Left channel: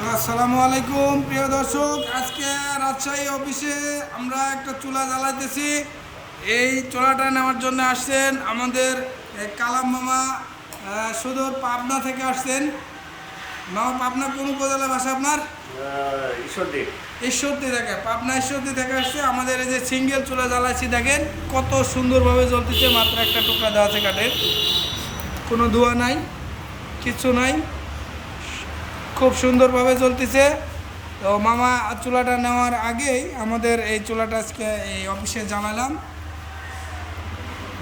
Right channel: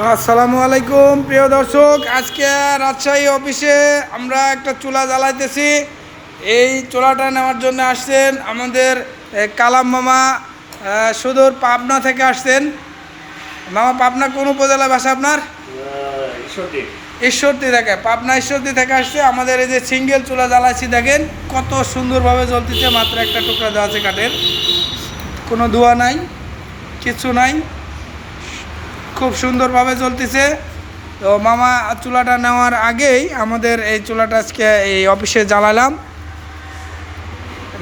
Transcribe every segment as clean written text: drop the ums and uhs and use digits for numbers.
আসসালামু আলাইকুম প্রিয় দর্শক, আজকে রাজশাহী অফিসে আমরা একটা চুলা জ্বালাইতেছি। এই চুলাটা নেওয়ার জন্য আসছেন আমাদের কালাম মামা, সুদূর পাবনা থেকে আসছেন। মামা, পাবনা কোন উপজেলা ভাষা আপনার? ঈশ্বরদী থেকে, পাবনা ঈশ্বরদী থেকে আসছে। আমাদের এই যে সিঙ্গেল চুলা জ্বালাইছি, দেখেন কত সুন্দরভাবে জ্বলতেছে। মাত্র একটা টুকরা দেওয়া আছে কাঠের, কোনো ধোঁয়া নাই, কিছু নাই, খুব সুন্দরভাবে চলতেছে। তো মামা চুলাটা নেওয়ার আগেই আমাদের এই চুলাটা আজকে এই অফিসে জ্বালালাম।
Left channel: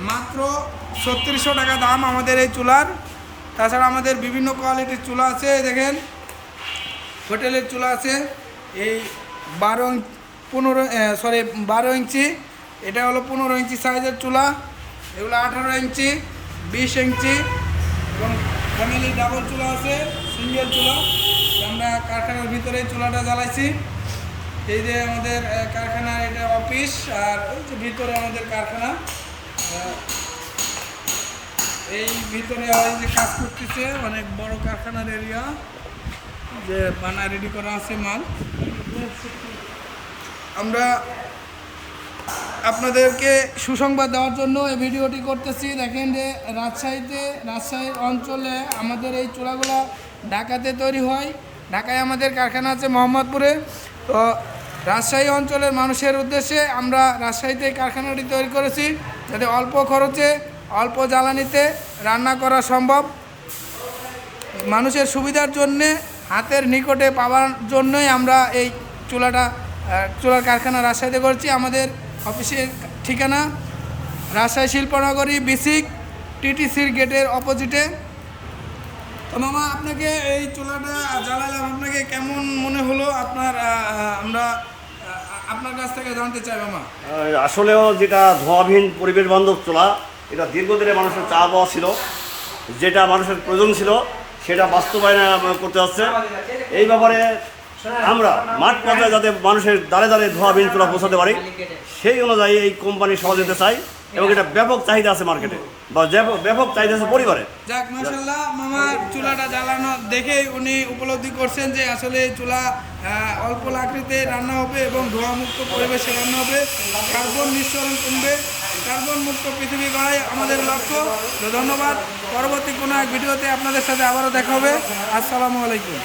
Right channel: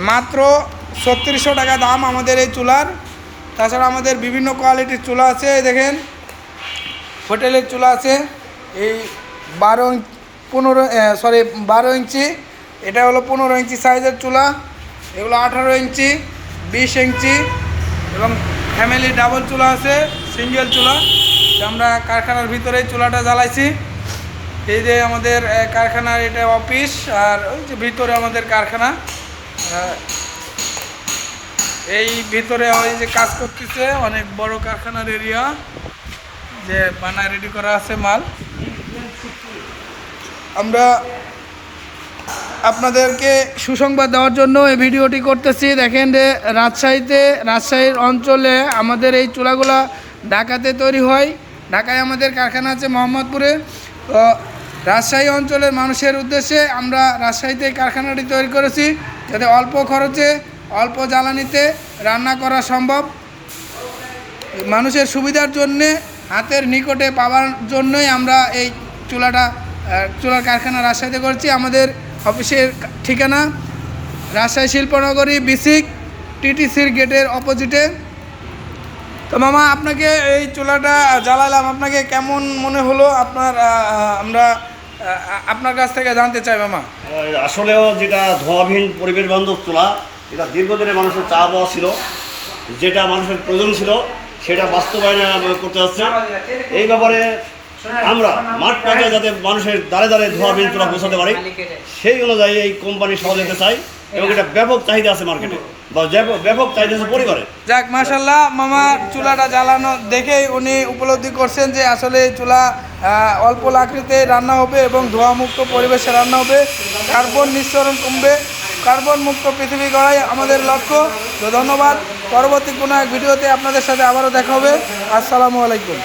মাত্র ৩৬০০ টাকা দাম আমাদের এই চুলার। তাছাড়া আমাদের বিভিন্ন কোয়ালিটির চুলা আছে, দেখেন হোটেলের চুলা আছে। এই 12 ইঞ্চি, এটা হলো 15 ইঞ্চি সাইজের চুলা। এগুলো 18 ইঞ্চি, 20 ইঞ্চি এবং ফ্যামিলি ডাবল চুলা আছে, সিঙ্গেল চুলা। আমরা কারখানার ভিতরেই চুলাটা জ্বালাইছি। এই যে আমাদের কারখানার এটা অফিস, আর ওই যে ভিতরে আমাদের কারখানা। এই ভিতরে ওই যে কাজ করতেছে, অনেক বড় কারখানার এরিয়া, যে বানায় রেডি করা আছে মাল। আমরা আপনাদেরকে সুসংবাদ দেওয়ার জন্য এই ভিডিওটি করতেছি। দেখেন যে রাজশাহীর অঞ্চলে আমাদের এই চুলাগুলা ঢাকাতে তৈরি হয়। ঢাকায় আমাদের কারখানা আছে মোহাম্মদপুরে। তো রাজশাহী অঞ্চলের মানুষের উদ্দেশ্যে আমরা রাজশাহীতে কারখানাটি তৈরি করেছি, যাতে অল্প খরচে অল্প জ্বালানিতে রান্না করা সম্ভব। মানুষের সুবিধার জন্যে, হাতের নিকটে পাওয়ার জন্যই আমরা এই চুলার কারখানা রাজশাহীতে করেছি। আমাদের অফিসের ঠিকানা রাজশাহী শিল্পনগরী, বিসিক টিটিসির গেটের অপোজিটে। তো মামা, আপনাকে এই চুলাটা জ্বালালাম, আপনাকে কেমন মনে হলো? আমরা আপনার কাছ থেকে জানতে চাই মামা। আসলেও যেটা ধোঁয়াবিহীন পরিবেশ বান্ধব চুলা, এটা দীর্ঘদিনে মানুষের চা পাওয়া ছিল, যেটা মানুষের প্রয়োজন ছিল, সেটা বাস্তবায়ন করতে হচ্ছে। এই ব্যাপারে আমরা মাঠ পর্যায়ে যাতে মানুষের দ্বারে দ্বারে ধোঁয়াবিহীন চুলা পৌঁছাতে পারি, সেই অনুযায়ী এই কোম্পানি সহযোগিতা চাই। এবং এটা ব্যাপক চাহিদা আছে মার্কেটে, বা ব্যাপক চাহিদা আছে পরিবারে। যাক, মাশাল্লাহ, মামা চুলাটা জ্বালানো দেখেই উনি উপলব্ধি করছেন যে আসলে এই চুলা অল্প লাকড়িতে রান্না হবে এবং ধোঁয়ামুক্ত পরিবেশে রান্না হবে, কার্বন নিঃসরণ কমবে। কার্বন মুক্ত পৃথিবী গড়াই আমাদের লক্ষ্য। তো ধন্যবাদ। পরবর্তী কোনো এক ভিডিওতে আপনাদের সাথে আবারও দেখা হবে। আসসালামু আলাইকুম।